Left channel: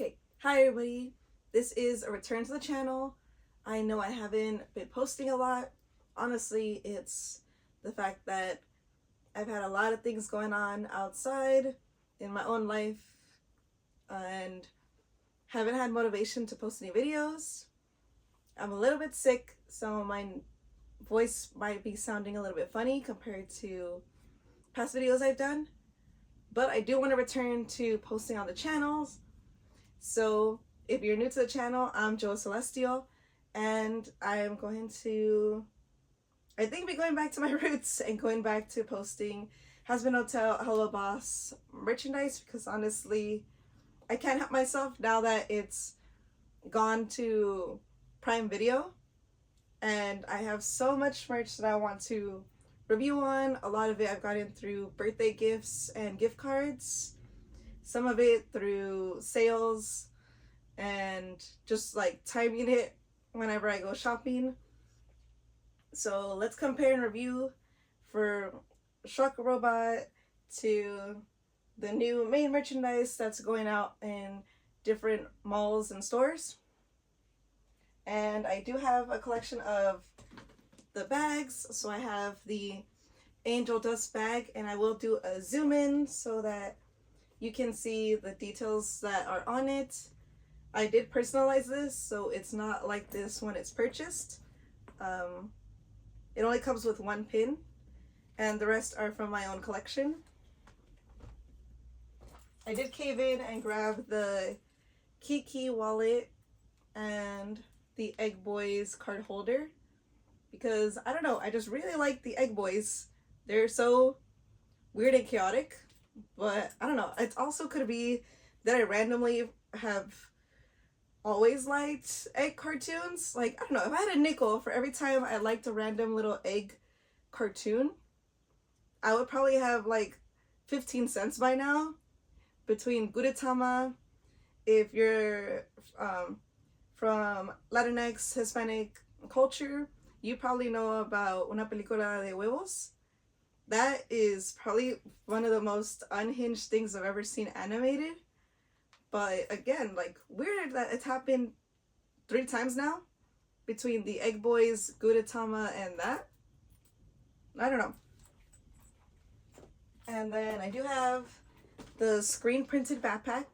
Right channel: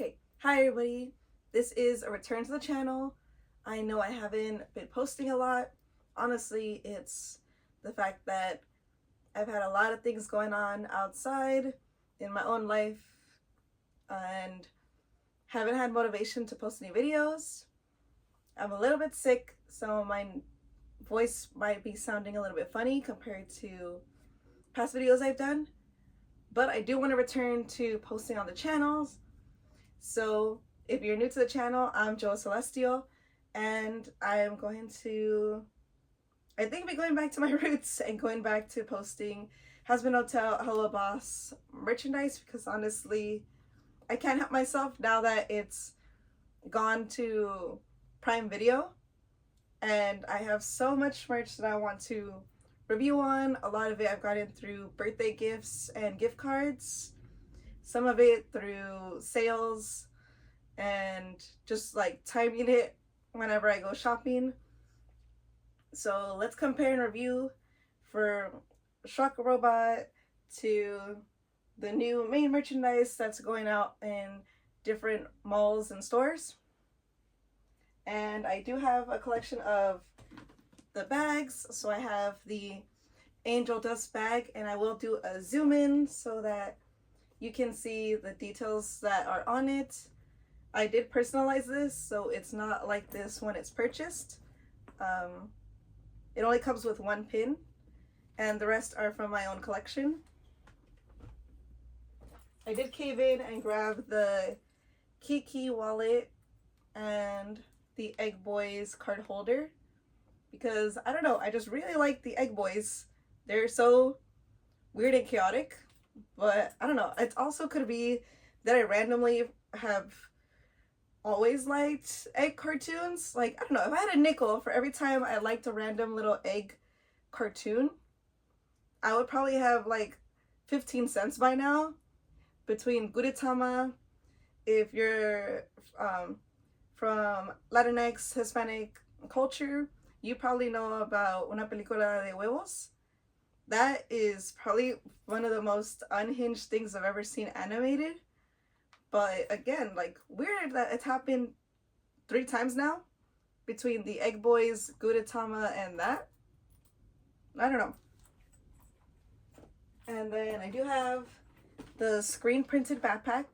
Okay, hi everybody. This is a return to the channel. I know I haven't been posting a lot. Honestly, it's the fact that I've had a lot of things going on outside in my own life and haven't had motivation to post any videos. I'm a little bit sick, so my voice might be sounding a little bit funny compared to past videos I've done. But I do want to return to posting on the channels. So if you're new to the channel, I'm Joe Celestial, and I am going to, I think, be going back to my roots and going back to posting Hazbin Hotel Helluva merchandise, because honestly, I can't help myself now that it's gone to Prime Video, and I have so much merch that I want to review on. A lot of it I've gotten through birthday gifts and gift cards. Some of it through sales and just like timing it whenever I go shopping. So let's compare and review for Shock Robot to the new main merchandise that's going out in different malls and stores. And I do have a collection of the bags. So I have the Angel Dust bag, and I will do a zoom in so that you can see the details that are on it. I did personalize this, so it's not like this when it's purchased. It only comes with one pin, and the rest are from my own collection. I did cave in and grab the Keekee Wallet and the Eggboi's card holder because, I don't know, I just really like the Eggbois. They're so weird and chaotic. But I don't know, it also could be that I randomly have always liked egg cartoons. Like, I don't know, if I had a nickel for every time I liked a random little egg cartoon, I would probably have like 15 cents by now. Between Gudetama, if you're from Latinx Hispanic culture, you probably know about Una Película de Huevos. That is probably one of the most unhinged things I've ever seen animated. But again, like, weird that it's happened 3 times now between the Eggbois, Gudetama, and that. I don't know. And then I do have the screen printed backpack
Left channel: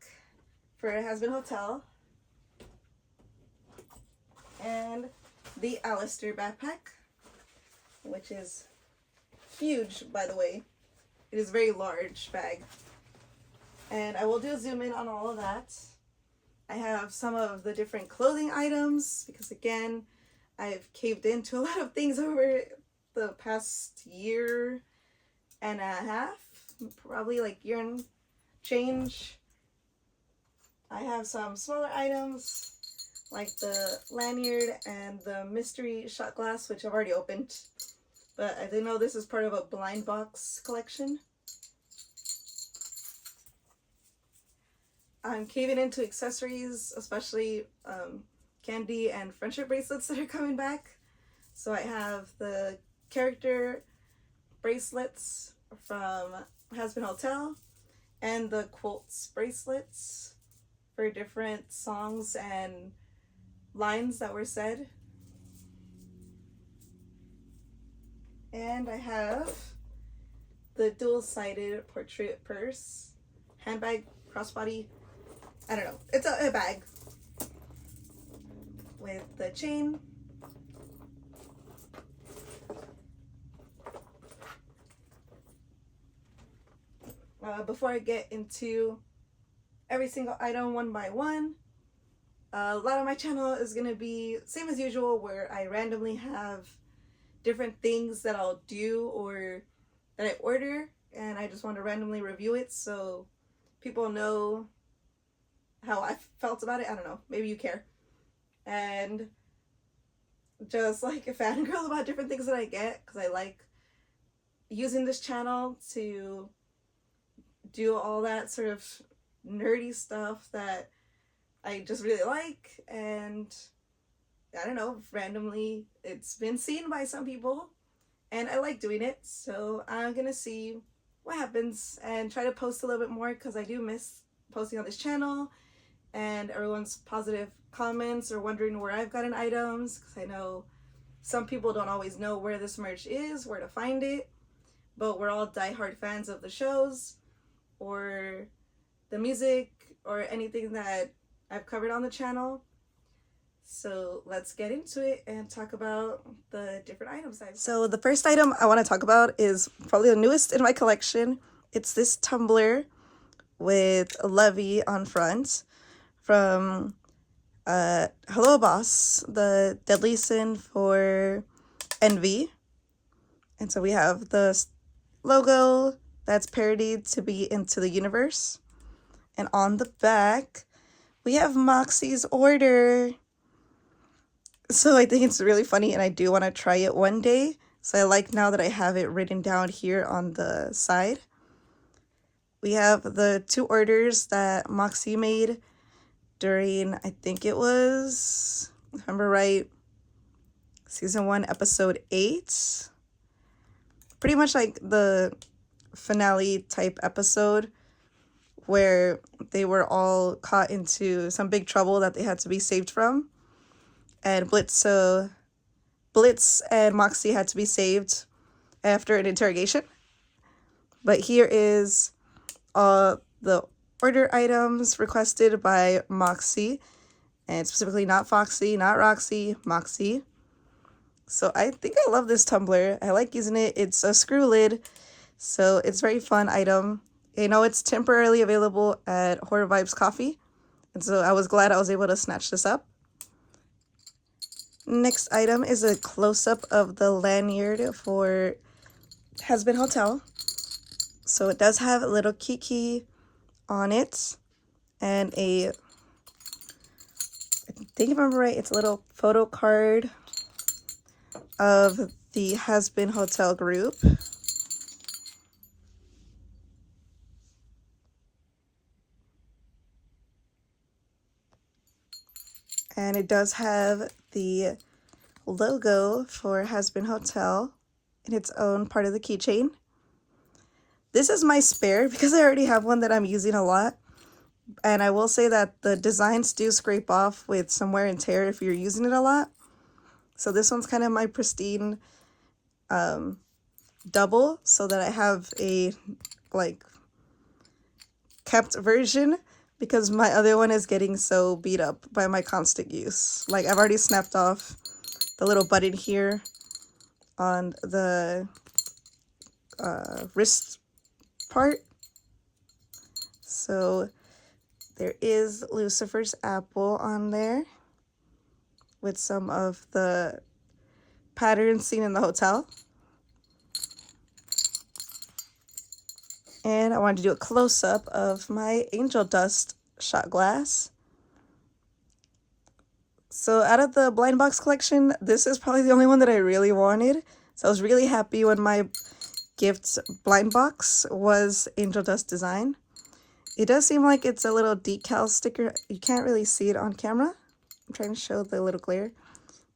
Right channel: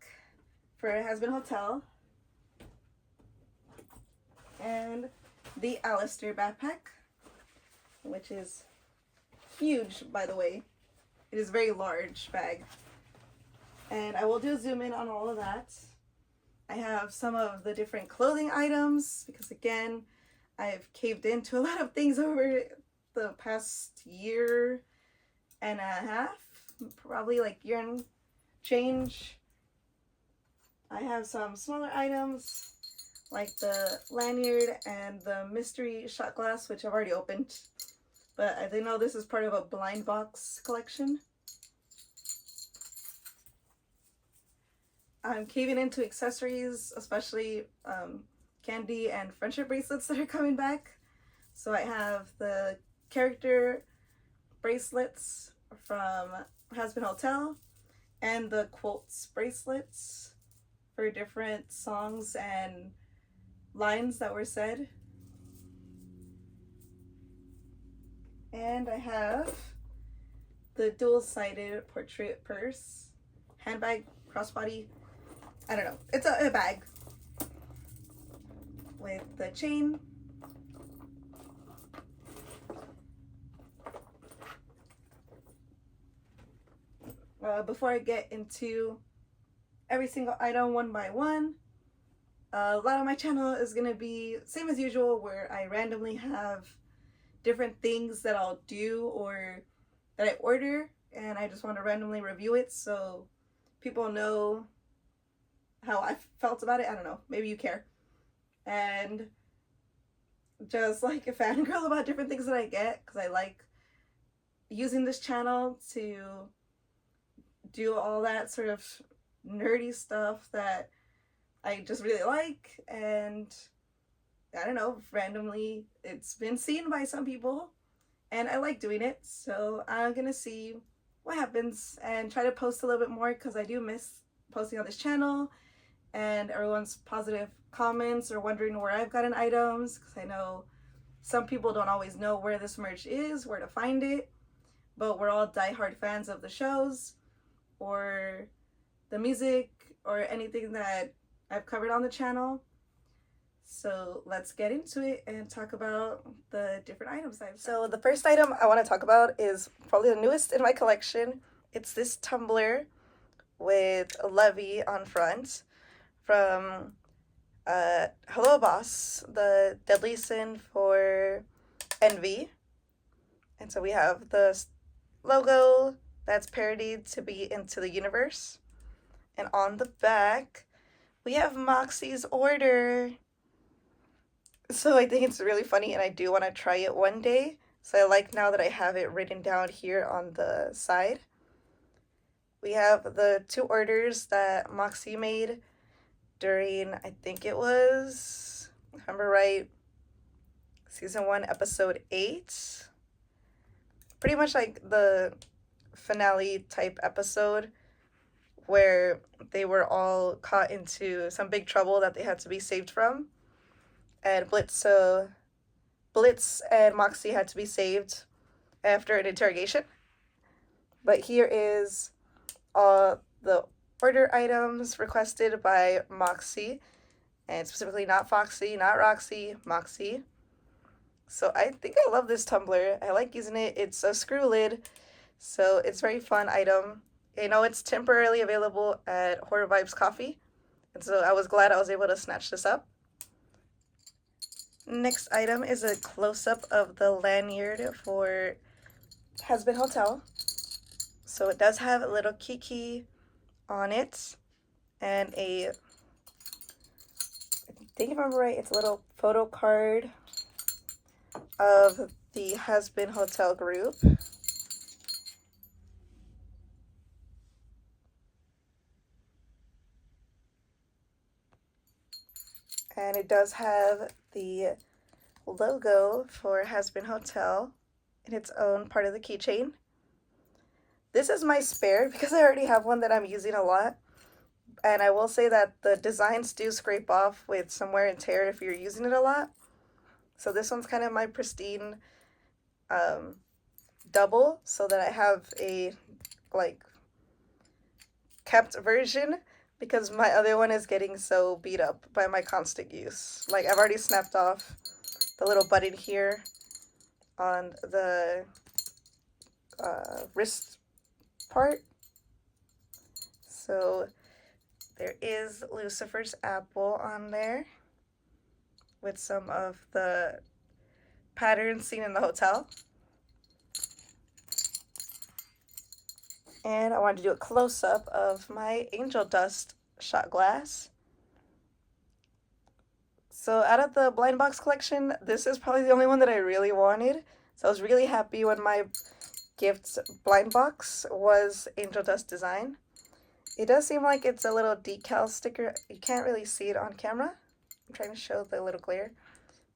for Hazbin Hotel and the Alastor Backpack, which is huge, by the way. It is a very large bag, and I will do a zoom in on all of that. I have some of the different clothing items because, again, I've caved into a lot of things over the past year and a half, probably like year and change. I have some smaller items like the lanyard and the mystery shot glass, which I've already opened. But I didn't know this is part of a blind box collection. I'm caving into accessories, especially candy and friendship bracelets that are coming back. So I have the character bracelets from Hazbin Hotel and the quotes bracelets for different songs and lines that were said. And I have the dual-sided portrait purse, handbag, crossbody, I don't know, it's a bag with the chain. Before I get into every single item one by one, a lot of my channel is going to be same as usual, where I randomly have different things that I'll do or that I order, and I just want to randomly review it so people know how I felt about it. I don't know, maybe you care. And just like a fangirl about different things that I get, because I like using this channel to do all that sort of nerdy stuff that I just really like. And I don't know, randomly it's been seen by some people and I like doing it, so I'm gonna see what happens and try to post a little bit more, because I do miss posting on this channel and everyone's positive comments or wondering where I've gotten items, because I know some people don't always know where this merch is, where to find it, but we're all diehard fans of the shows or the music or anything that I've covered on the channel. So let's get into it and talk about the different items I've got. So the first item I want to talk about is probably the newest in my collection. It's this tumbler with Lovey on front from Hello Boss, the deadly sin for envy. And so we have the logo that's parodied to be Into the Universe. And on the back, we have Moxie's order. So I think it's really funny, and I do want to try it one day. So I like now that I have it written down here on the side. We have the 2 orders that Moxie made during, I think it was, if I remember right, season 1, episode 8. Pretty much like the finale type episode where they were all caught into some big trouble that they had to be saved from. And Blitz and Moxie had to be saved after an interrogation. But here is the order items requested by Moxie, and specifically not Foxy, not Roxy, Moxie. So I think I love this tumbler. I like using it. It's a screw lid, so it's a very fun item. You know, it's temporarily available at Horror Vibes Coffee, and so I was glad I was able to snatch this up. Next item is a close-up of the lanyard for Hazbin Hotel. So it does have a little Keekee on it, and I think if I remember right, it's a little photo card of the Hazbin Hotel group. And it does have the logo for Hazbin Hotel in its own part of the keychain. This is my spare because I already have one that I'm using a lot. And I will say that the designs do scrape off with some wear and tear if you're using it a lot. So this one's kind of my pristine double, so that I have a like kept version, because my other one is getting so beat up by my constant use. Like, I've already snapped off the little button here on the wrist part. So there is Lucifer's apple on there with some of the patterns seen in the hotel. And I wanted to do a close-up of my angel dust shot glass. So out of the blind box collection, this is probably the only one that I really wanted. So I was really happy when my gift blind box was angel dust design. It does seem like it's a little decal sticker. You can't really see it on camera. I'm trying to show the little glare.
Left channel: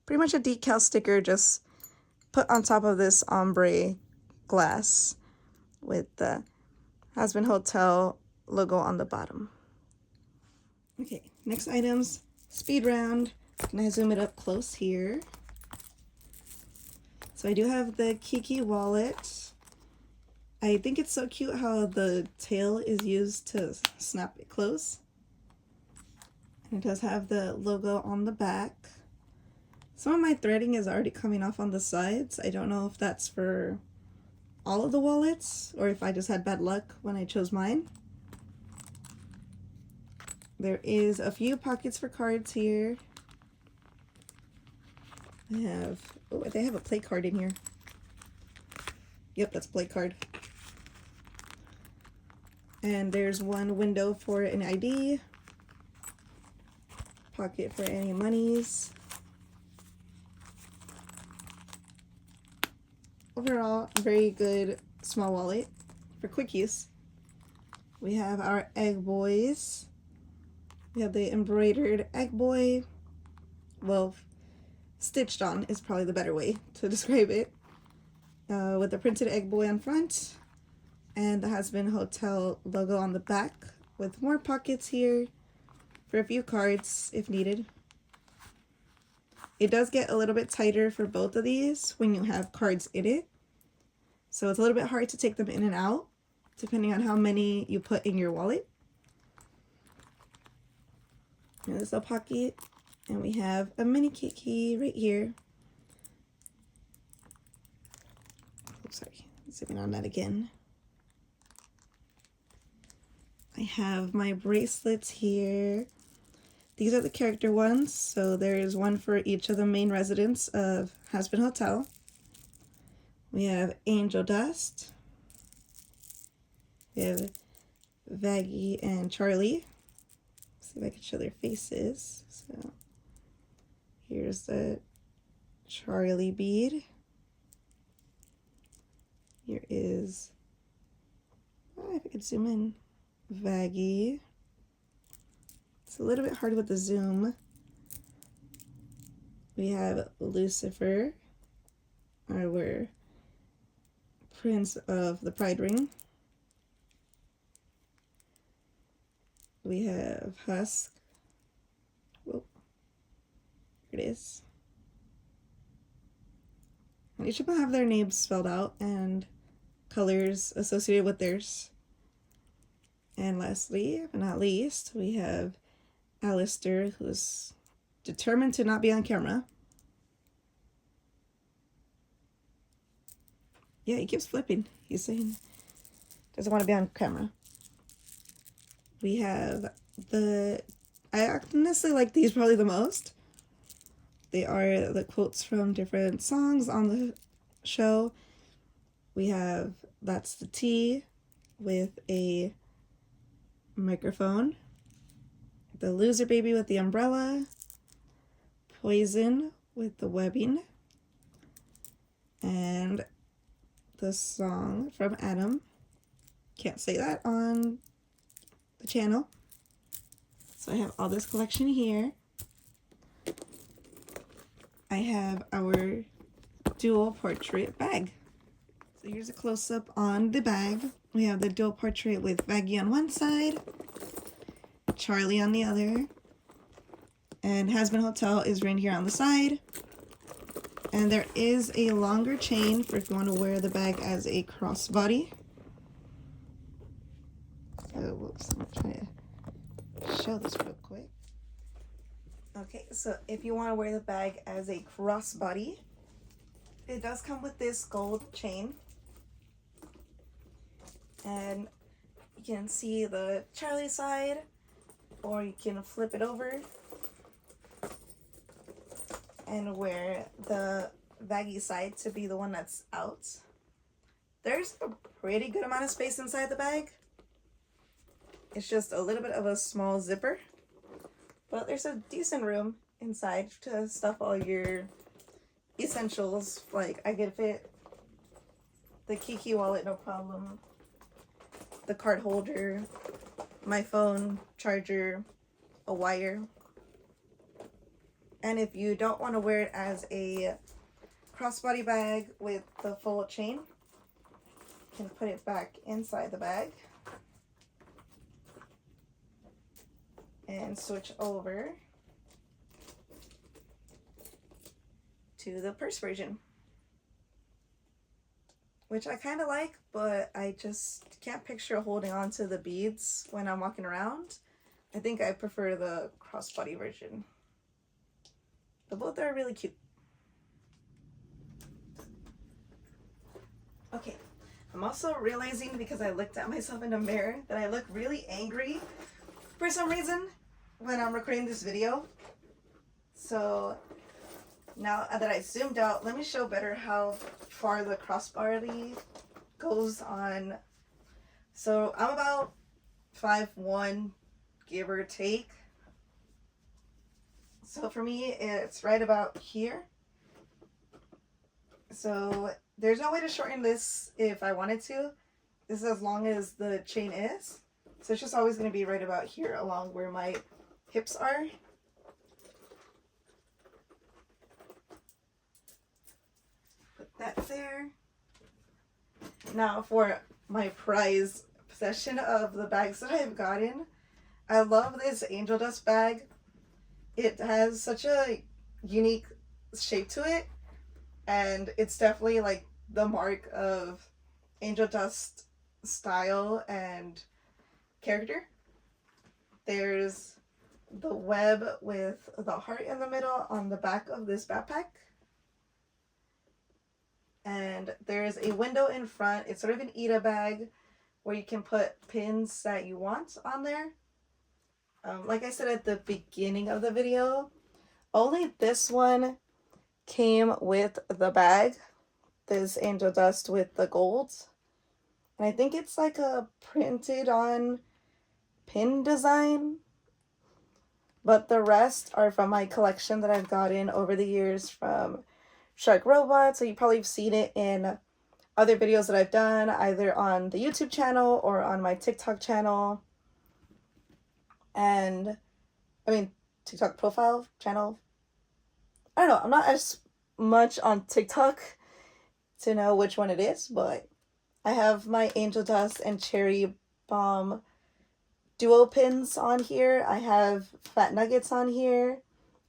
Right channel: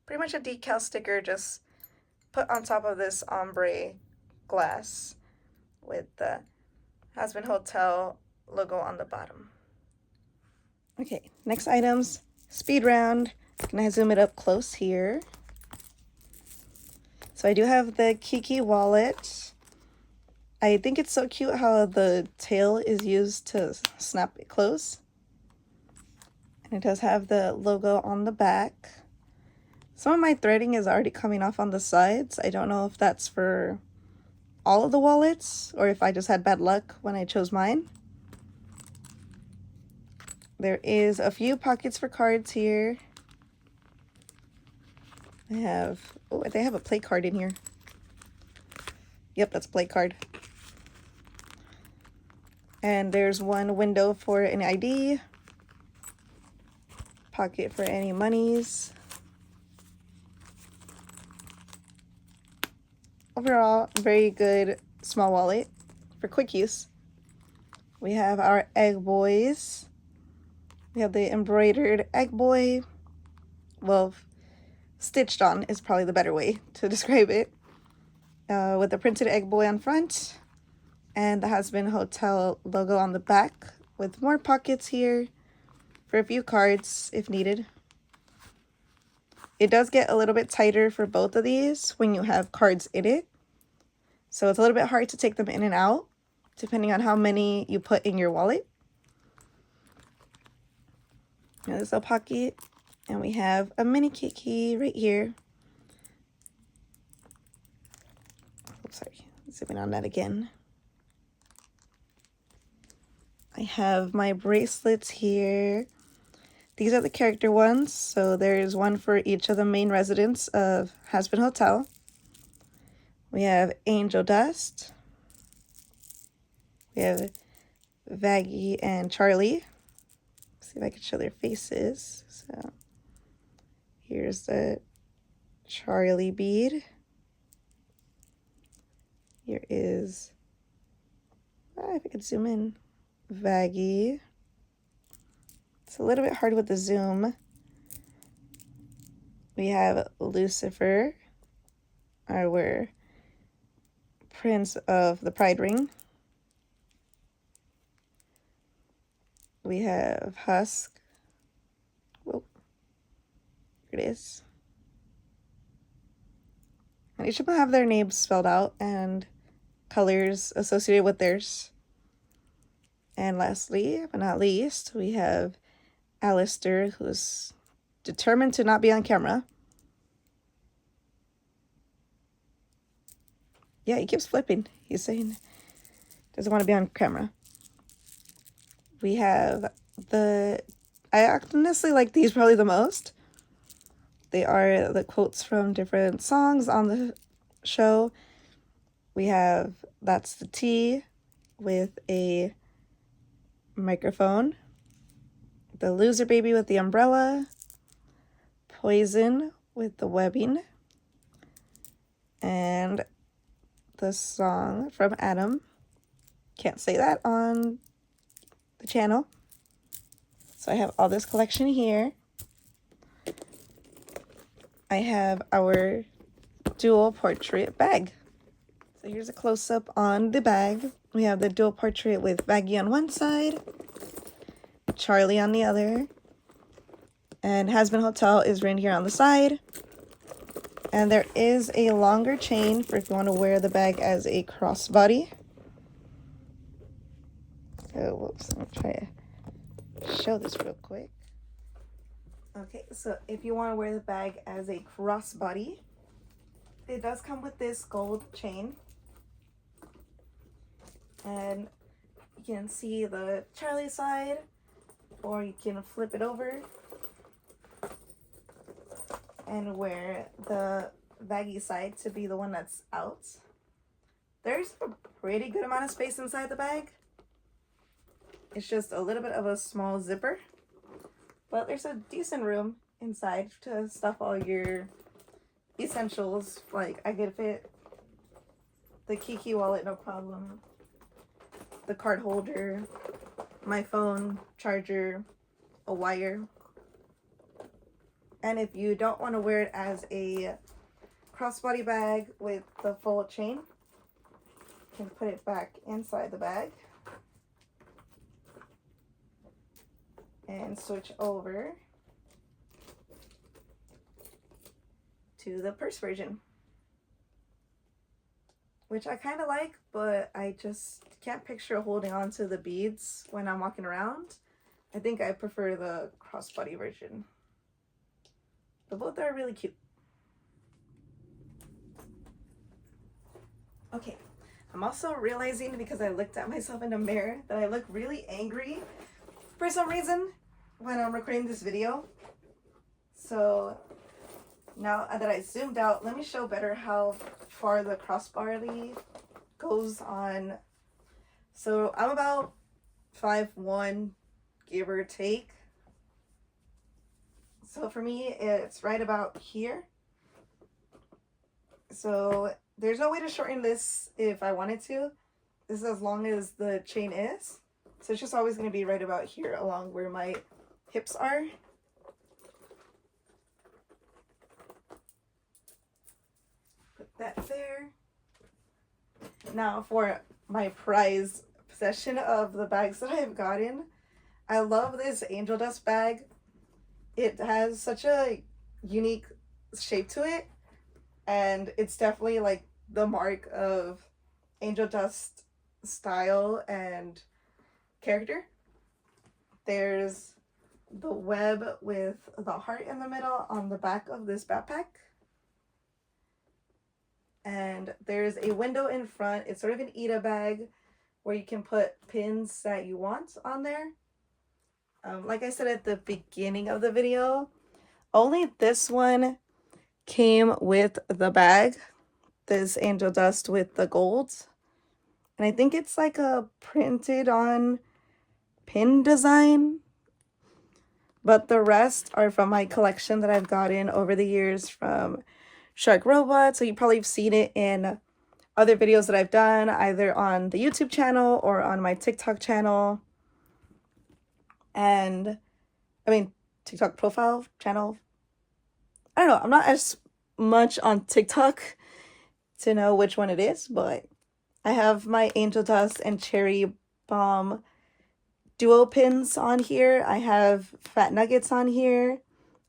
Pretty much a decal sticker just put on top of this ombre glass with the Hazbin Hotel logo on the bottom. Okay, next items, speed round. I'm gonna zoom it up close here. So I do have the Keekee wallet. I think it's so cute how the tail is used to snap it close. And it does have the logo on the back. Some of my threading is already coming off on the sides. I don't know if that's for all of the wallets or if I just had bad luck when I chose mine. There is a few pockets for cards here. They have a play card in here. Yep, that's a play card. And there's one window for an ID. Pocket for any monies. Overall, very good small wallet for quick use. We have our Eggbois. We have the embroidered Eggboi. Well, stitched on is probably the better way to describe it. With the printed Eggboi on front and the Hazbin Hotel logo on the back with more pockets here for a few cards if needed. It does get a little bit tighter for both of these when you have cards in it. So it's a little bit hard to take them in and out, depending on how many you put in your wallet. And this little pocket. And we have a mini Keekee right here. Oh, sorry. Zooming on that again. I have my bracelets here. These are the character ones. So there's one for each of the main residents of Hazbin Hotel. We have Angel Dust. We have Vaggie and Charlie. Let's see if I can show their faces. So here's the Charlie bead. Here is, if I could zoom in, Vaggie. It's a little bit hard with the zoom. We have Lucifer, our Prince of the Pride Ring. We have Husk. Whoa. Here it is. And each of them have their names spelled out and colors associated with theirs. And lastly, but not least, we have Alastor, who's determined to not be on camera. Yeah, he keeps flipping. He's saying doesn't want to be on camera. We have I honestly like these probably the most. They are the quotes from different songs on the show. We have That's the Tea with a microphone. The Loser Baby with the umbrella. Poison with the webbing. And the song from Adam. Can't say that on the channel. So I have all this collection here. I have our dual portrait bag. So here's a close-up on the bag. We have the dual portrait with Vaggie on one side, Charlie on the other, and Hazbin Hotel is right here on the side. And there is a longer chain for if you want to wear the bag as a crossbody. Oh, whoops, I'm trying to show this real quick. Okay, so if you want to wear the bag as a crossbody, it does come with this gold chain. And you can see the Charlie side, or you can flip it over and wear the Vaggie side to be the one that's out. There's a pretty good amount of space inside the bag. It's just a little bit of a small zipper, but there's a decent room inside to stuff all your essentials. Like I could fit the Keekee wallet, no problem, the card holder, my phone, charger, a wire. And if you don't want to wear it as a crossbody bag with the full chain, you can put it back inside the bag and switch over to the purse version, which I kind of like, but I just can't picture holding on to the beads when I'm walking around. I think I prefer the crossbody version. But both are really cute. Okay, I'm also realizing, because I looked at myself in the mirror, that I look really angry for some reason when I'm recording this video. So now that I zoomed out, let me show better how far the crossbody goes on. So I'm about 5'1", give or take. So for me, it's right about here. So there's no way to shorten this if I wanted to. This is as long as the chain is. So it's just always going to be right about here along where my hips are. Put that there. Now for my prized possession of the bags that I've gotten. I love this angel dust bag. It has such a unique shape to it, and it's definitely like the mark of angel dust style and character. There's the web with the heart in the middle on the back of this backpack. And there's a window in front. It's sort of an Ida bag where you can put pins that you want on there. Like I said at the beginning of the video, only this one came with the bag, this angel dust with the gold. And I think it's like a printed on pin design. But the rest are from my collection that I've gotten over the years from Shark Robot. So you probably have seen it in other videos that I've done, either on the YouTube channel or on my TikTok channel. And I mean, TikTok profile channel. I don't know. I'm not as much on TikTok to know which one it is, but I have my angel dust and cherry bomb duo pins on here. I have fat nuggets on here.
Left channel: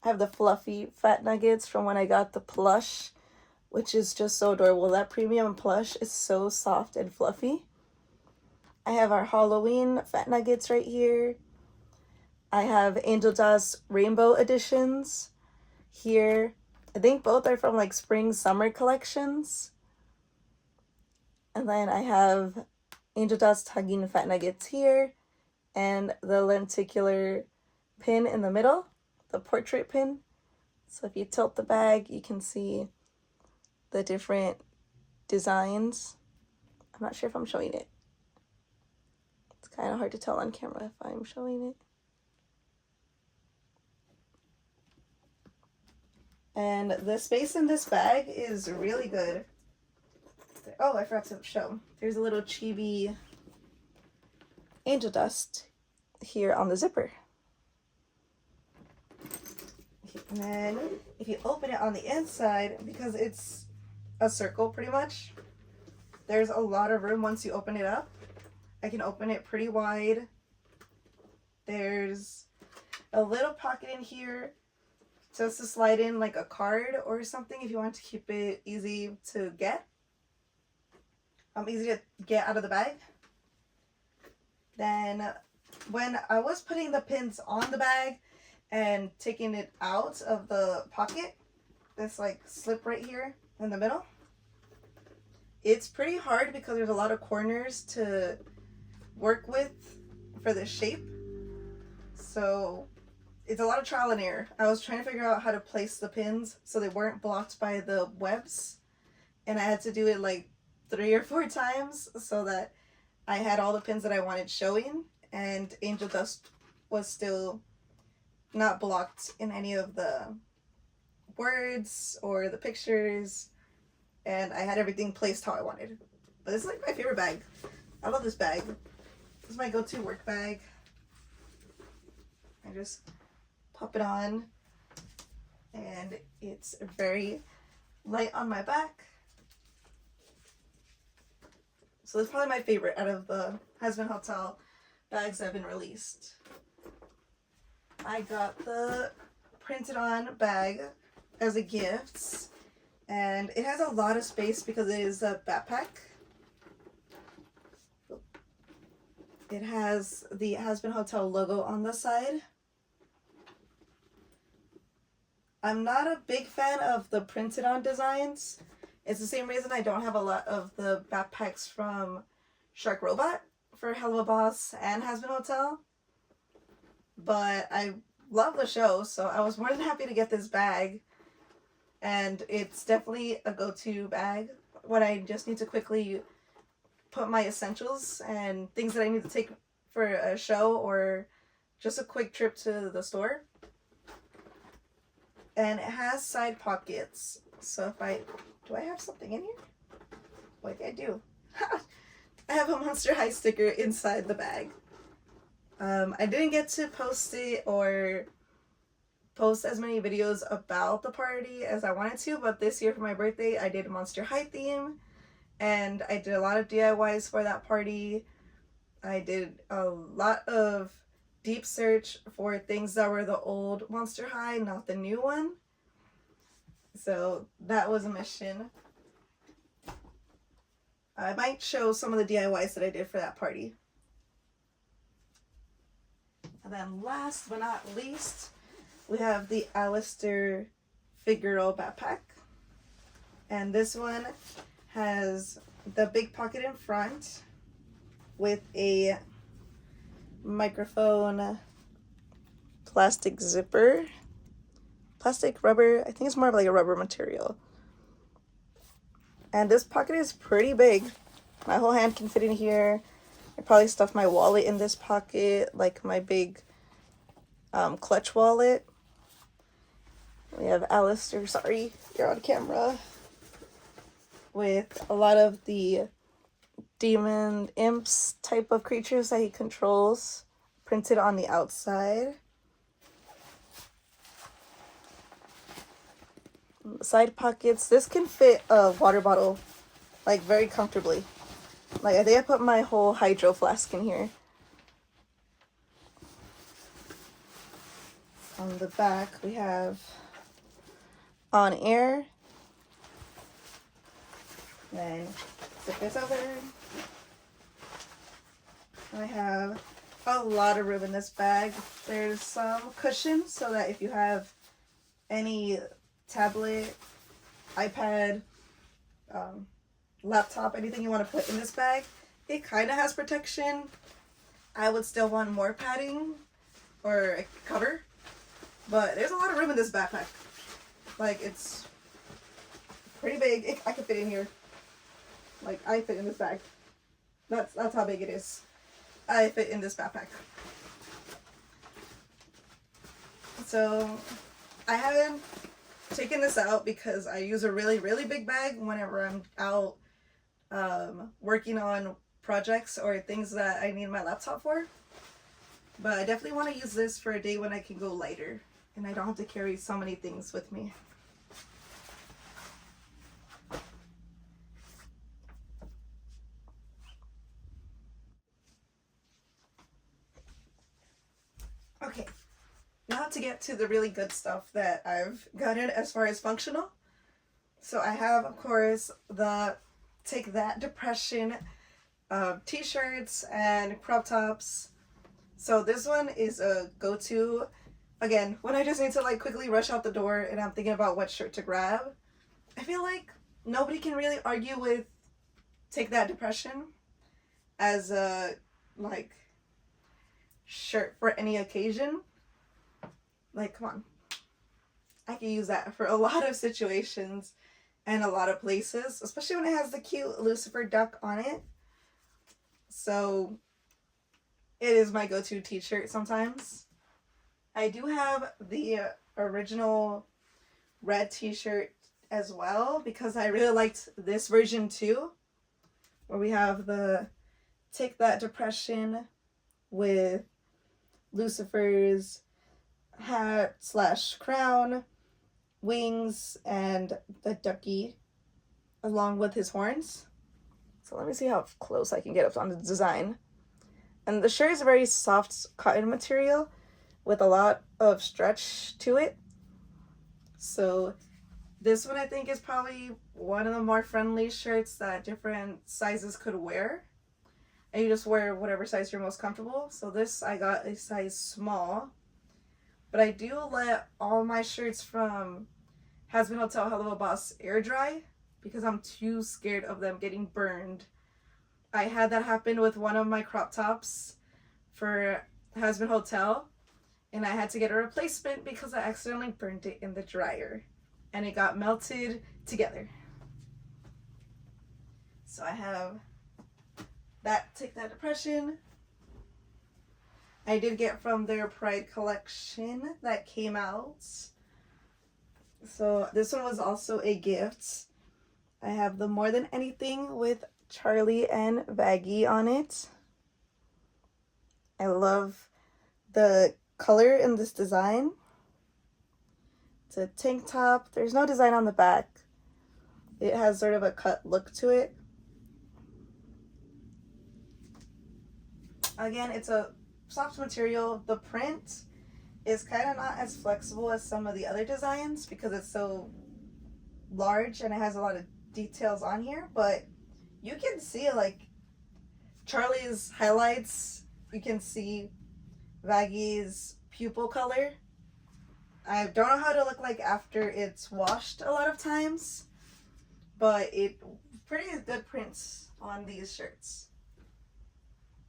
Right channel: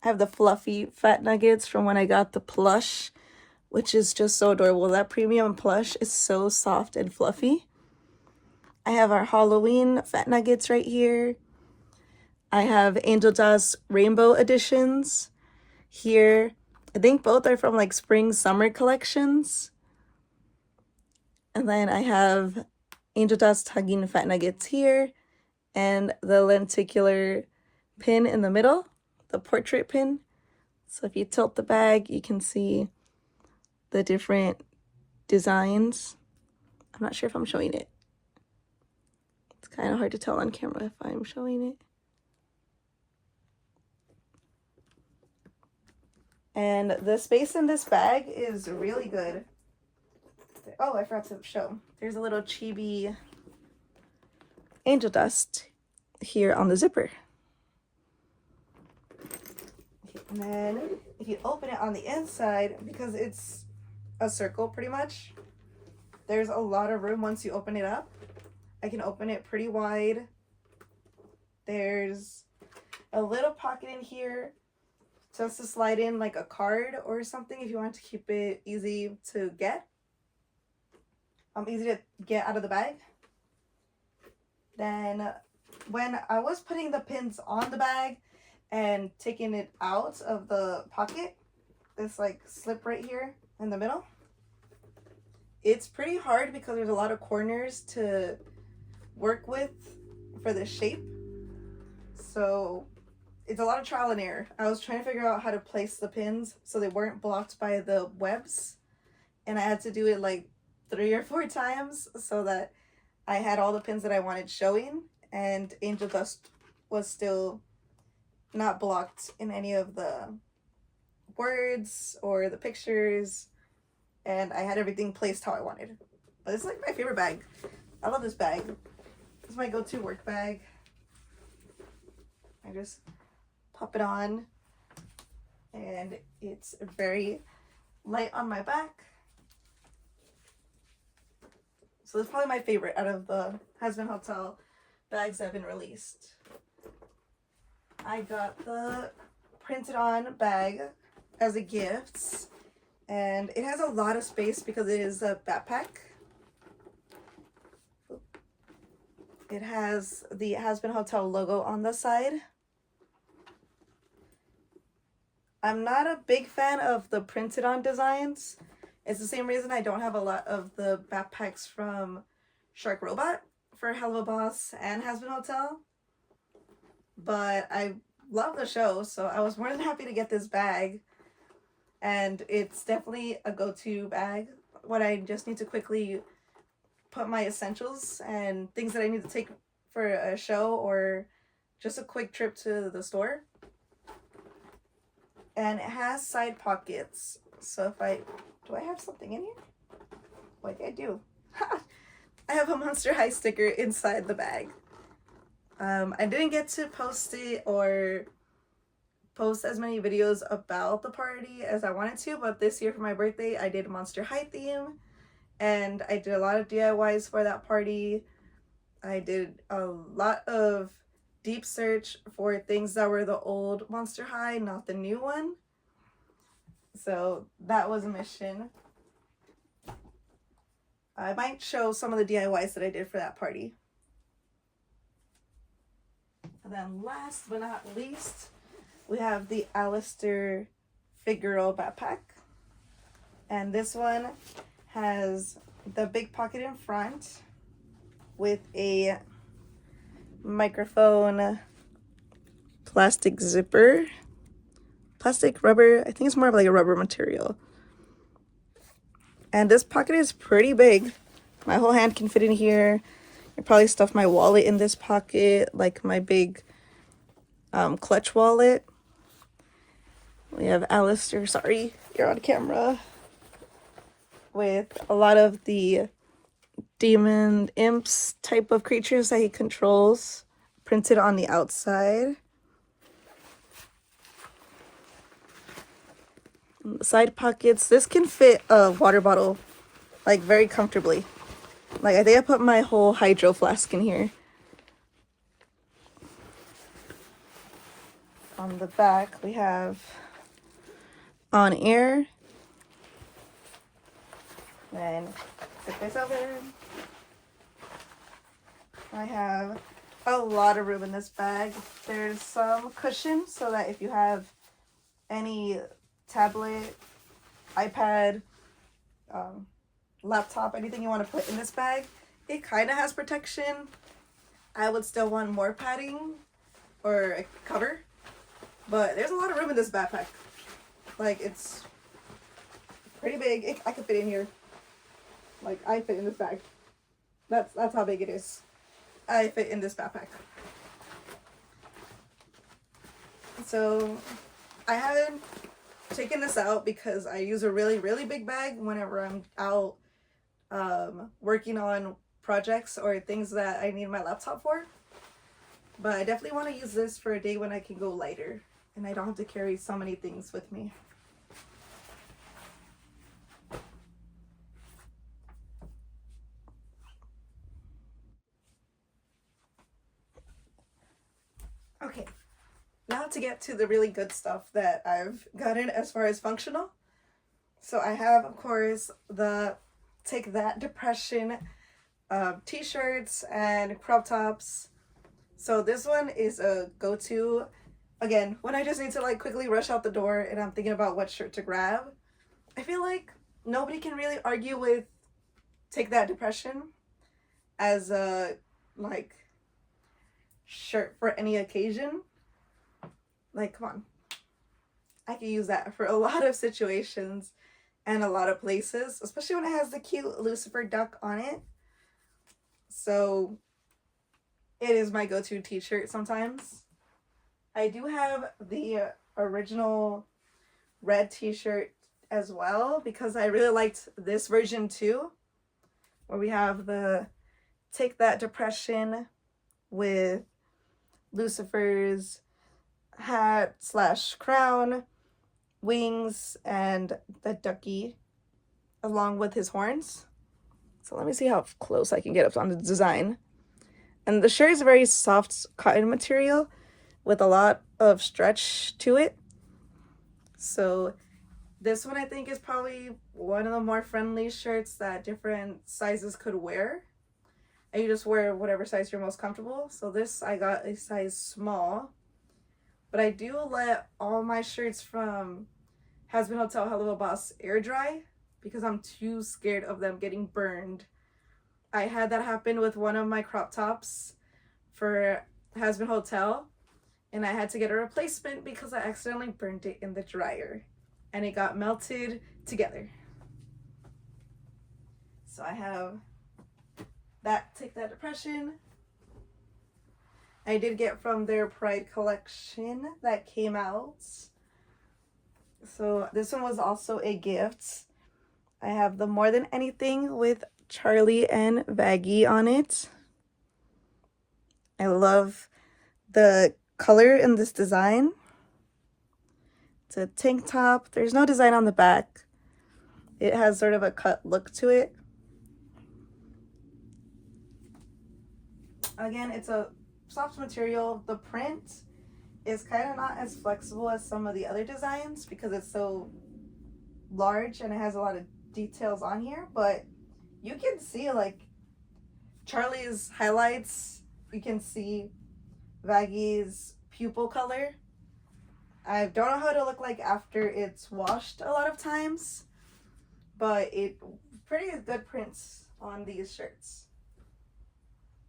I have the fluffy fat nuggets from when I got the plush, which is just so adorable. That premium plush is so soft and fluffy. I have our Halloween fat nuggets right here. I have angel dust rainbow editions here. I think both are from like spring summer collections. And then I have angel dust hugging fat nuggets here, and the lenticular pin in the middle, the portrait pin. So if you tilt the bag, you can see the different designs. I'm not sure if I'm showing it. It's kind of hard to tell on camera if I'm showing it. And the space in this bag is really good. Oh, I forgot to show. There's a little chibi angel dust here on the zipper. And then if you open it on the inside, because it's a circle pretty much, there's a lot of room once you open it up. I can open it pretty wide. There's a little pocket in here just to slide in like a card or something if you want to keep it easy to get. Easy to get out of the bag. Then when I was putting the pins on the bag and taking it out of the pocket, this like slip right here in the middle, it's pretty hard because there's a lot of corners to work with for this shape. So it's a lot of trial and error. I was trying to figure out how to place the pins so they weren't blocked by the webs, and I had to do it like 3 or 4 times so that I had all the pins that I wanted showing, and angel dust was still not blocked in any of the words or the pictures, and I had everything placed how I wanted. But it's like my favorite bag. I love this bag. This is my go-to work bag. I just pop it on, and it's very light on my back. So it's probably my favorite out of the Hazbin Hotel bags that have been released. I got the printed on bag as a gift, and it has a lot of space because it is a backpack. It has the Hazbin Hotel logo on the side. I'm not a big fan of the printed on designs. It's the same reason I don't have a lot of the backpacks from Shark Robot for Helluva Boss and Hazbin Hotel. But I love the show, so I was more than happy to get this bag. And it's definitely a go-to bag when I just need to quickly put my essentials and things that I need to take for a show or just a quick trip to the store. And it has side pockets, so if do I have something in here? Like I do. I have a Monster High sticker inside the bag. I didn't get to post it or post as many videos about the party as I wanted to, but this year for my birthday I did a Monster High theme, and I did a lot of DIYs for that party. I did a lot of deep search for things that were the old Monster High, not the new one. So that was a mission. I might show some of the DIYs that I did for that party. And then last but not least, we have the Alastor Backpack. And this one has the big pocket in front with a microphone plastic zipper. Plastic rubber, I think it's more of like a rubber material. And this pocket is pretty big. My whole hand can fit in here. I probably stuff my wallet in this pocket, like my big clutch wallet. We have Alastor, sorry, you're on camera, with a lot of the demon imps type of creatures that he controls printed on the outside. The side pockets, this can fit a water bottle like very comfortably. Like I think I put my whole hydro flask in here. On the back we have on air. Then flip this over. I have a lot of room in this bag. There's some cushion so that if you have any tablet, iPad, laptop, anything you want to put in this bag, it kind of has protection. I would still want more padding or a cover, but there's a lot of room in this backpack. Like, it's pretty big. I could fit in here. Like, I fit in this bag. That's how big it is. I fit in this backpack. So I haven't taken this out because I use a really big bag whenever I'm out working on projects or things that I need my laptop for. But I definitely want to use this for a day when I can go lighter and I don't have to carry so many things with me. Okay, now to get to the really good stuff that I've gotten as far as functional. So I have, of course, the Take That Depression t-shirts and crop tops. So this one is a go-to, again, when I just need to like quickly rush out the door and I'm thinking about what shirt to grab. I feel like nobody can really argue with Take That Depression as a like shirt for any occasion. Like, come on, I can use that for a lot of situations and a lot of places, especially when it has the cute Lucifer duck on it. So it is my go-to t-shirt sometimes. I do have the original red t-shirt as well because I really liked this version too, where we have the Take That Depression with Lucifer's hat / crown, wings, and the ducky along with his horns. So let me see how close I can get up on the design. And the shirt is a very soft cotton material with a lot of stretch to it. So this one I think is probably one of the more friendly shirts that different sizes could wear. And you just wear whatever size you're most comfortable. So this I got a size small. But I do let all my shirts from Hazbin Hotel Helluva Boss air dry because I'm too scared of them getting burned. I had that happen with one of my crop tops for Hazbin Hotel, and I had to get a replacement because I accidentally burned it in the dryer and it got melted together. So I have that Take That Depression. I did get from their Pride collection that came out. So this one was also a gift. I have the More Than Anything with Charlie and Vaggie on it. I love the color in this design. It's a tank top. There's no design on the back. It has sort of a cut look to it. Again, it's a soft material. The print is kind of not as flexible as some of the other designs because it's so large and it has a lot of details on here, but you can see like Charlie's highlights, you can see Vaggy's pupil color. I don't know how it'll look like after it's washed a lot of times, but it pretty good prints on these shirts.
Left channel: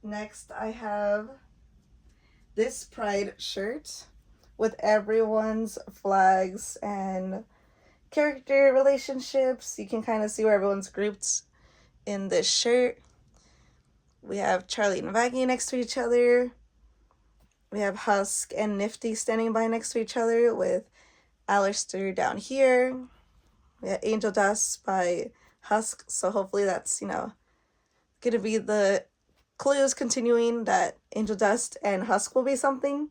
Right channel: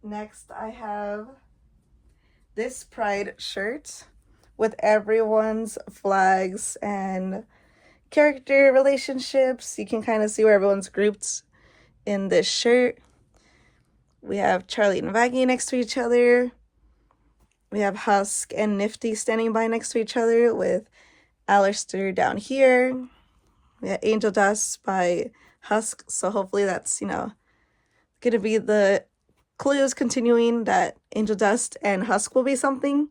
Next I have this Pride shirt with everyone's flags and character relationships. You can kind of see where everyone's grouped in this shirt. We have Charlie and Vaggy next to each other. We have Husk and Nifty standing by next to each other with Alastor down here. We have Angel Dust by Husk, so hopefully that's, you know, gonna be the clues continuing that Angel Dust and Husk will be something.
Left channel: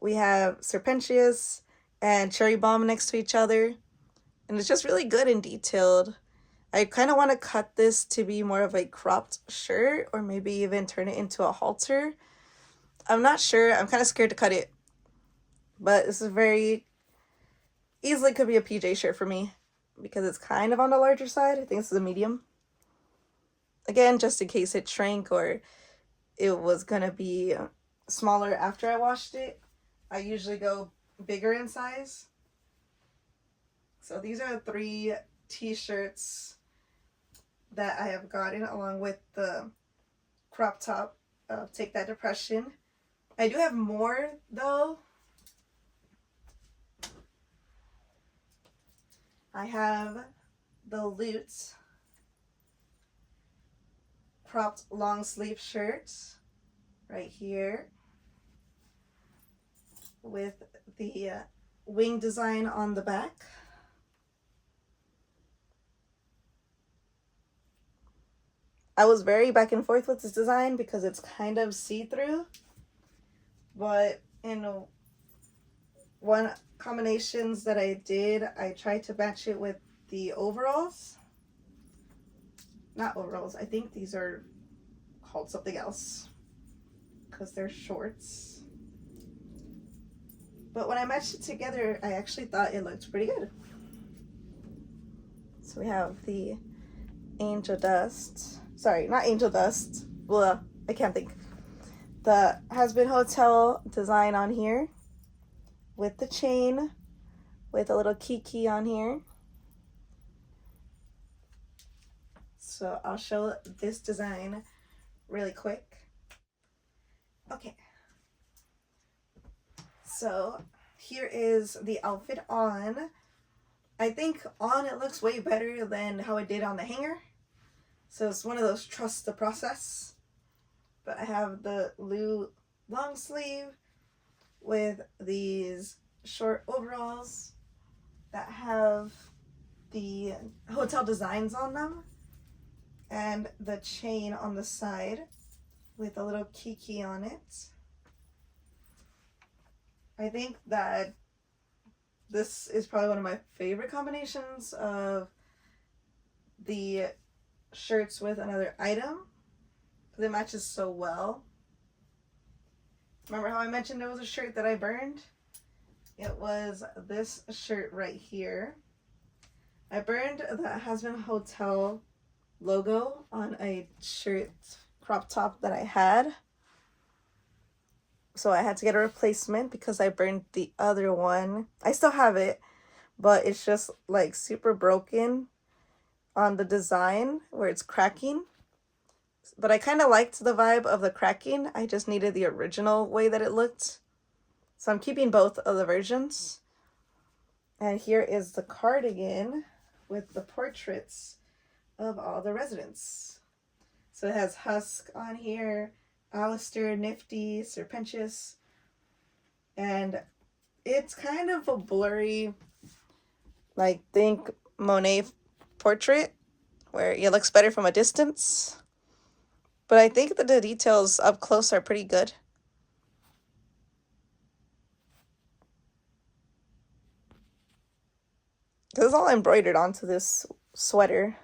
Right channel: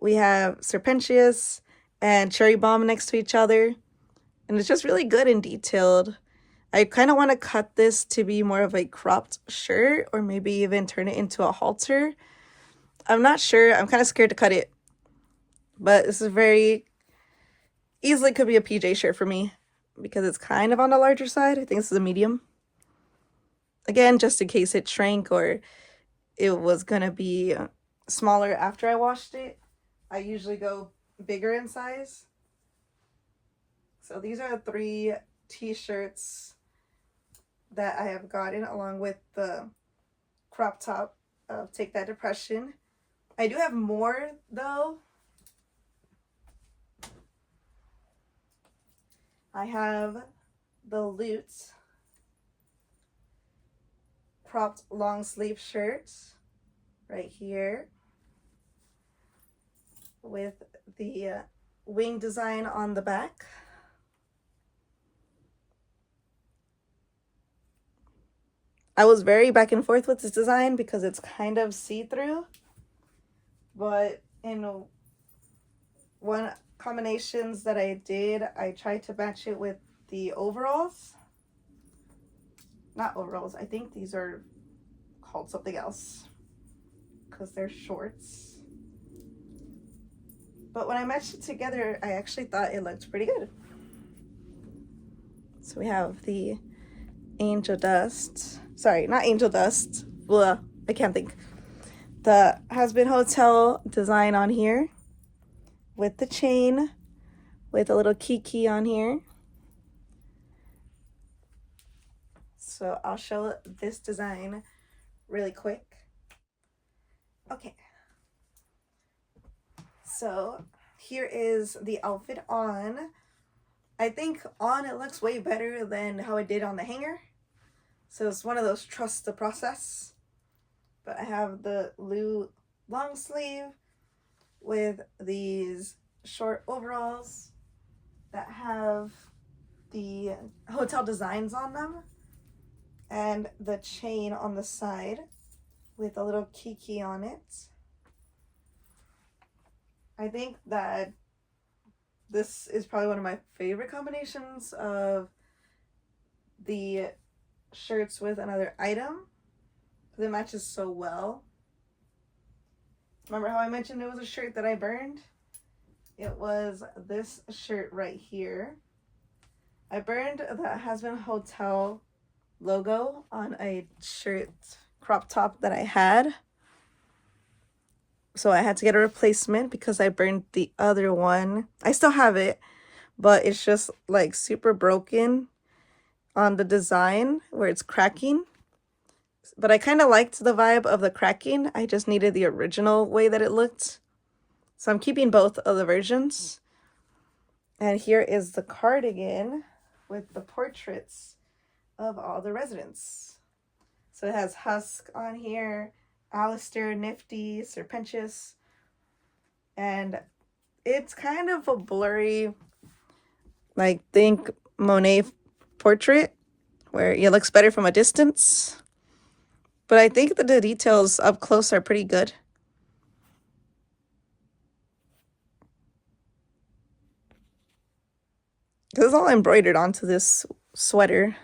We have Serpentious and Cherry Bomb next to each other, and it's just really good and detailed. I kind of want to cut this to be more of a cropped shirt, or maybe even turn it into a halter. I'm not sure. I'm kind of scared to cut it, but this is very easily could be a PJ shirt for me because it's kind of on the larger side. I think this is a medium. Again, just in case it shrank or it was gonna be smaller after I washed it, I usually go bigger in size. So these are the 3 t-shirts that I have gotten along with the crop top of Take That Depression. I do have more though. I have the Loot cropped long sleeve shirts right here with the wing design on the back. I was very back and forth with this design because it's kind of see-through, but in one combinations that I did, I tried to match it with the overalls. Not overalls, I think these are called something else because they're shorts. But when I matched it together, I actually thought it looked pretty good. So we have the Angel Dust, sorry, not Angel Dust, blah, I can't think. The Hazbin Hotel design on here with the chain, with a little Keekee on here. So I'll show this design really quick. Okay. So here is the outfit on. I think on it looks way better than how it did on the hanger. So it's one of those trust the process. But I have the Lou long sleeve with these short overalls that have the hotel designs on them and the chain on the side with a little Keekee on it. I think that this is probably one of my favorite combinations of the shirts with another item because it matches so well. Remember how I mentioned it was a shirt that I burned? It was this shirt right here. I burned the Hazbin Hotel logo on a shirt crop top that I had. So I had to get a replacement because I burned the other one. I still have it, but it's just like super broken on the design where it's cracking. But I kind of liked the vibe of the cracking. I just needed the original way that it looked. So I'm keeping both of the versions. And here is the cardigan with the portraits of all the residents. So it has Husk on here, Alastor, Nifty, Serpentious, and it's kind of a blurry, like, think Monet portrait where it looks better from a distance. But I think that the details up close are pretty good. This is all embroidered onto this sweater.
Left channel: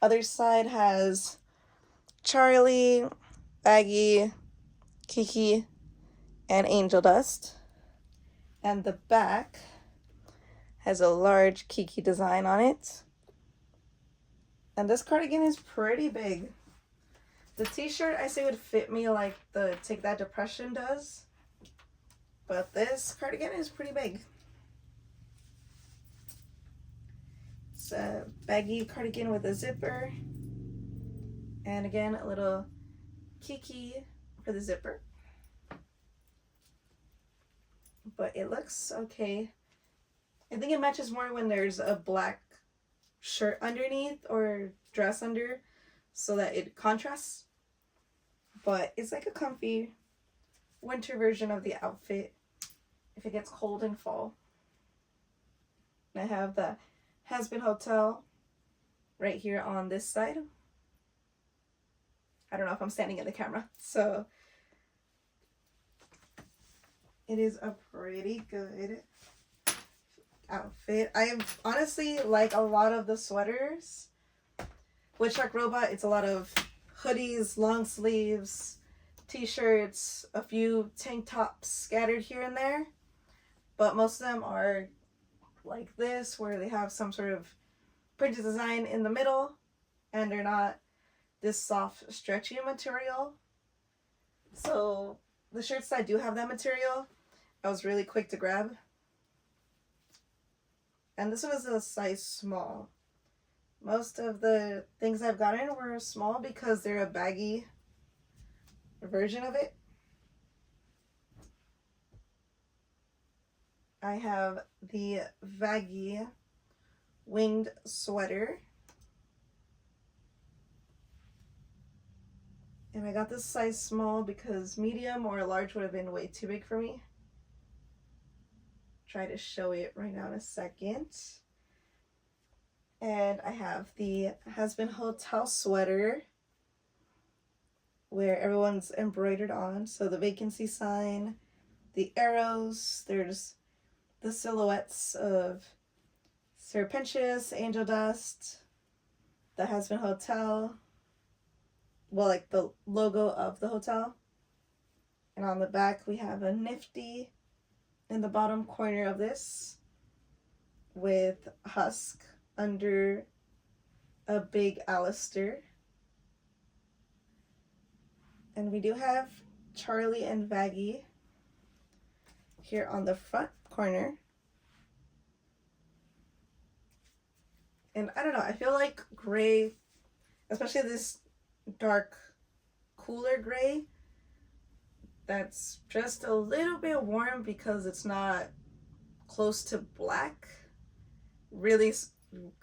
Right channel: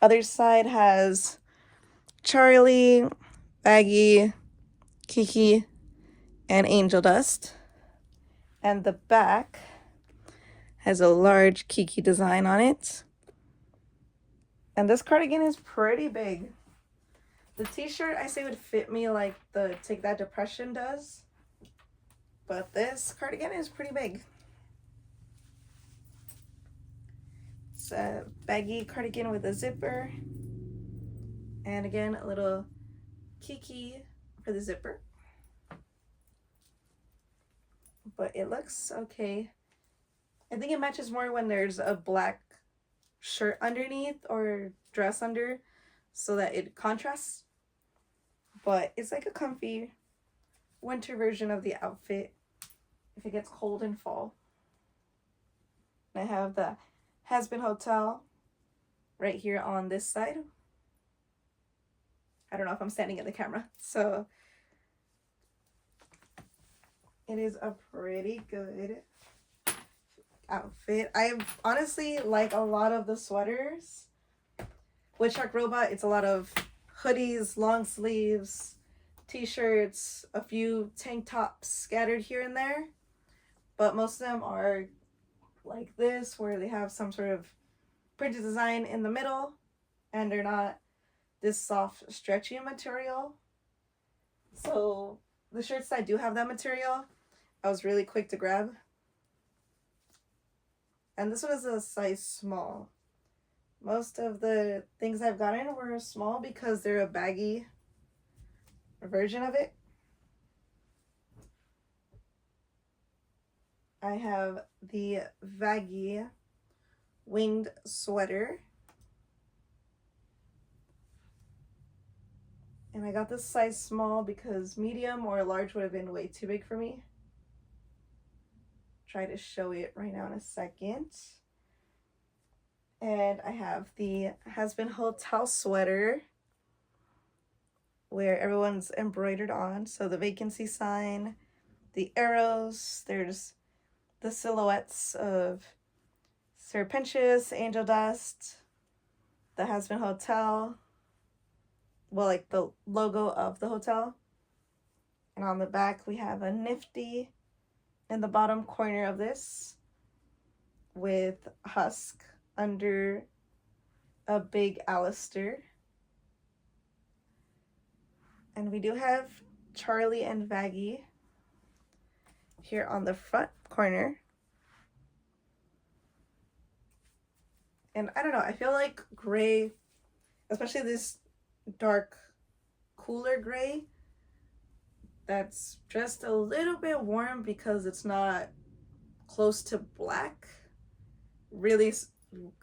Other side has Charlie, Aggie, Keekee and Angel Dust. And the back has a large Keekee design on it. And this cardigan is pretty big. The t-shirt I say would fit me like the Take That Depression does. But this cardigan is pretty big. It's a baggy cardigan with a zipper. And again, a little Keekee for the zipper. But it looks okay. I think it matches more when there's a black shirt underneath or dress under so that it contrasts. But it's like a comfy winter version of the outfit if it gets cold in fall. And I have the Hazbin Hotel right here on this side. I don't know if I'm standing in the camera, so it is a pretty good outfit. I honestly like a lot of the sweaters. With Shark Robot, it's a lot of hoodies, long sleeves, t-shirts, a few tank tops scattered here and there. But most of them are like this, where they have some sort of printed design in the middle, and they're not this soft, stretchy material. So the shirts that do have that material, I was really quick to grab. And this one is a size small. Most of the things I've gotten were small because they're a baggy version of it. I have the baggy winged sweater. And I got this size small because medium or large would have been way too big for me. Try to show it right now in a second. And I have the Hazbin Hotel sweater where everyone's embroidered on. So the vacancy sign, the arrows, there's the silhouettes of Serpentious, Angel Dust, the Hazbin Hotel, well, like the logo of the hotel. And on the back we have a nifty in the bottom corner of this with husk under a big Alastor. And we do have Charlie and Vaggie here on the front corner. And I don't know, I feel like gray, especially this dark, cooler gray, that's just a little bit warm because it's not close to black, really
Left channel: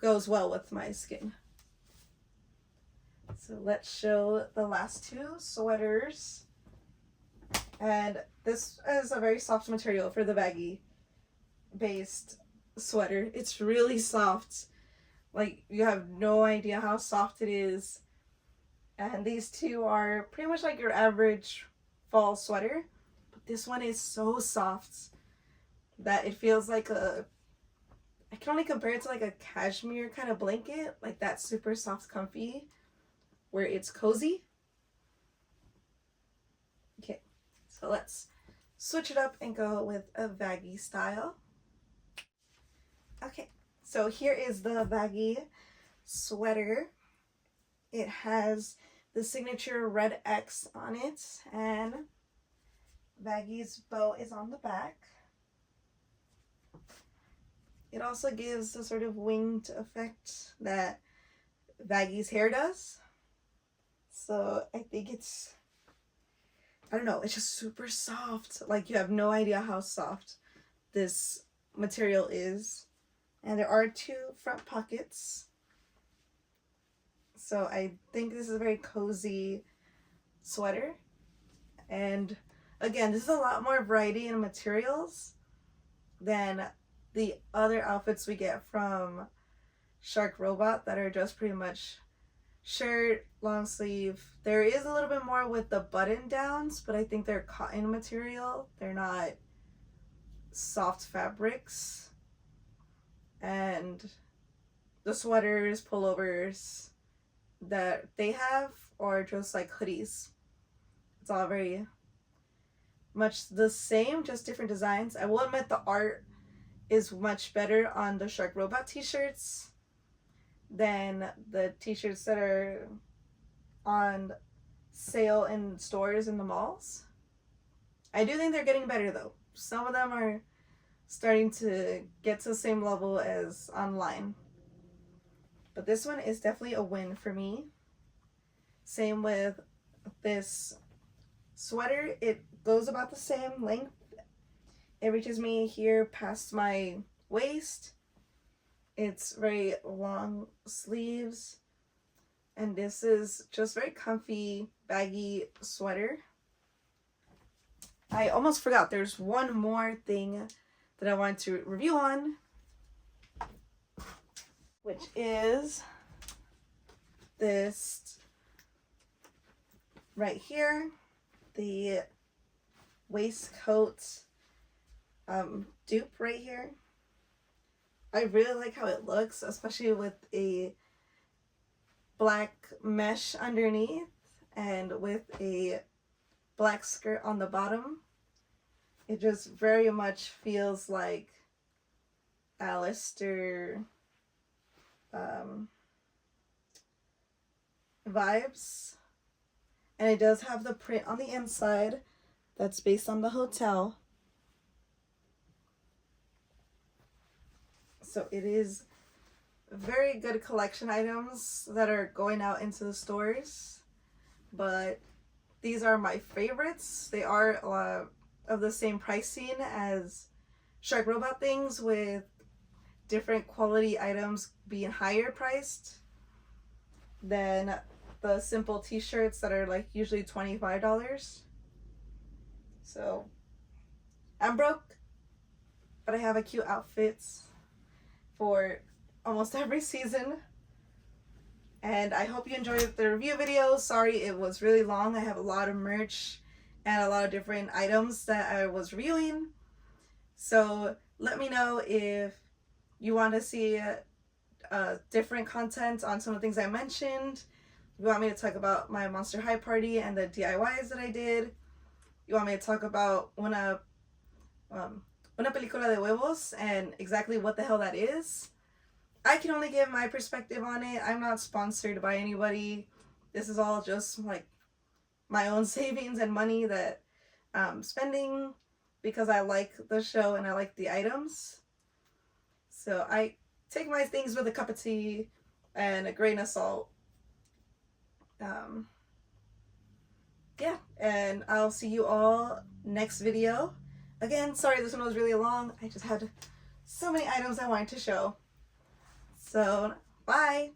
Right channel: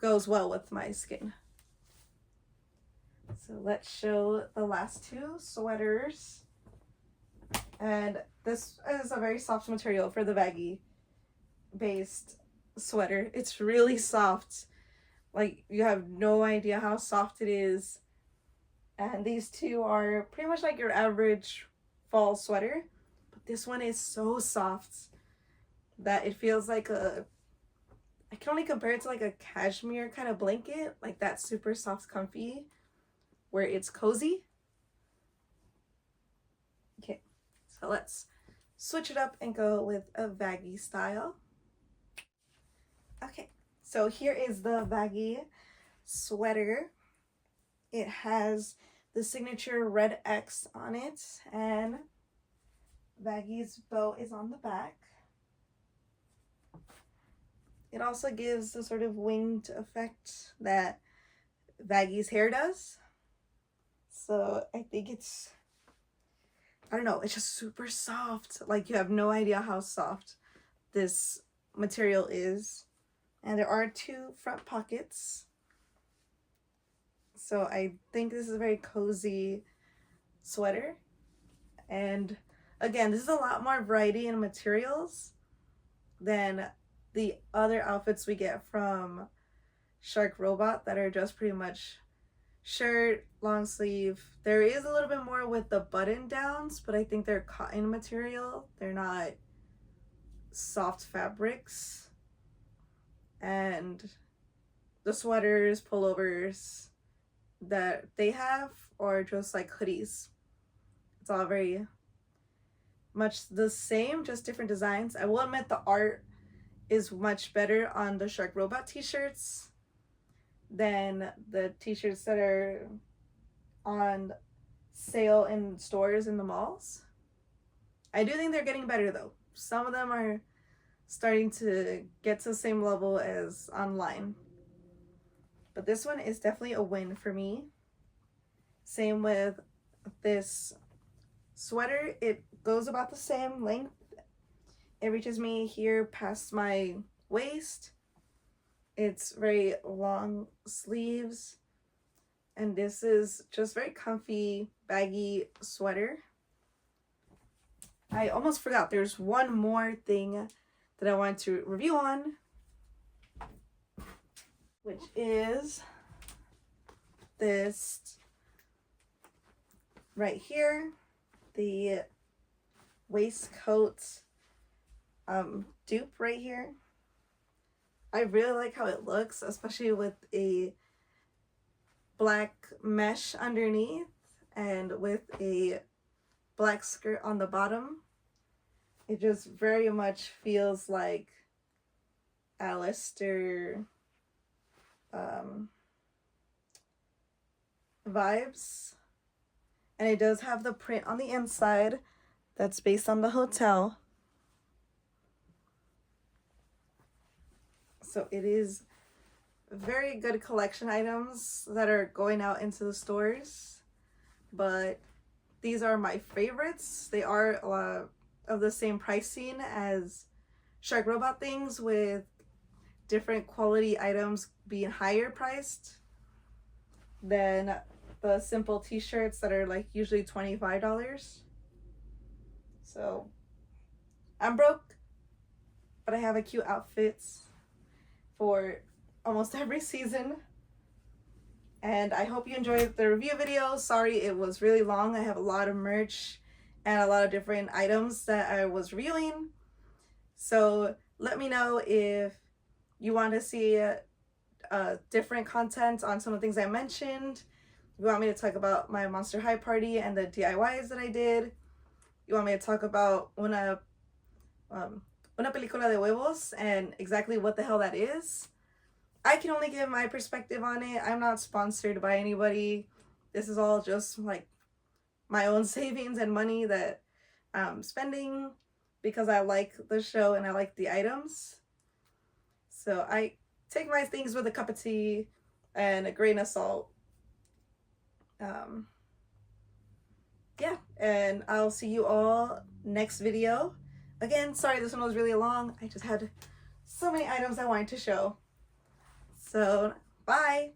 goes well with my skin. So let's show the last two sweaters. And this is a very soft material for the baggy based sweater. It's really soft. Like, you have no idea how soft it is. And these two are pretty much like your average fall sweater, but this one is so soft that it feels like I can only compare it to like a cashmere kind of blanket, like that super soft comfy where it's cozy. Okay, so let's switch it up and go with a baggy style. Okay, so here is the baggy sweater. It has the signature red X on it, and Vaggie's bow is on the back. It also gives the sort of winged effect that Vaggie's hair does. So I think it's, I don't know, it's just super soft. Like, you have no idea how soft this material is. And there are two front pockets. So I think this is a very cozy sweater. And again, this is a lot more variety in materials than the other outfits we get from Shark Robot that are just pretty much shirt, long sleeve. There is a little bit more with the button downs, but I think they're cotton material. They're not soft fabrics. And the sweaters, pullovers that they have are just like hoodies. It's all very much the same, just different designs. I will admit the art is much better on the Shark Robot t-shirts than the t-shirts that are on sale in stores in the malls. I do think they're getting better though. Some of them are starting to get to the same level as online. But this one is definitely a win for me. Same with this sweater. It goes about the same length. It reaches me here past my waist. It's very long sleeves. And this is just very comfy, baggy sweater. I almost forgot, there's one more thing that I wanted to review on, which is this right here, the waistcoat dupe right here. I really like how it looks, especially with a black mesh underneath and with a black skirt on the bottom. It just very much feels like Alastor vibes. And it does have the print on the inside that's based on the hotel. So it is very good collection items that are going out into the stores. But these are my favorites. They are of the same pricing as Shark Robot things, with different quality items being higher priced than the simple t-shirts that are like usually $25. So I'm broke, but I have a cute outfits for almost every season. And I hope you enjoyed the review video. Sorry it was really long. I have a lot of merch and a lot of different items that I was reviewing. So let me know if you want to see different content on some of the things I mentioned. You want me to talk about my Monster High party and the DIYs that I did. You want me to talk about una película de huevos and exactly what the hell that is. I can only give my perspective on it. I'm not sponsored by anybody. This is all just like my own savings and money that I'm spending because I like the show and I like the items. So I take my things with a cup of tea and a grain of salt. Yeah, and I'll see you all next video. Again, sorry this one was really long. I just had so many items I wanted to show. So, bye!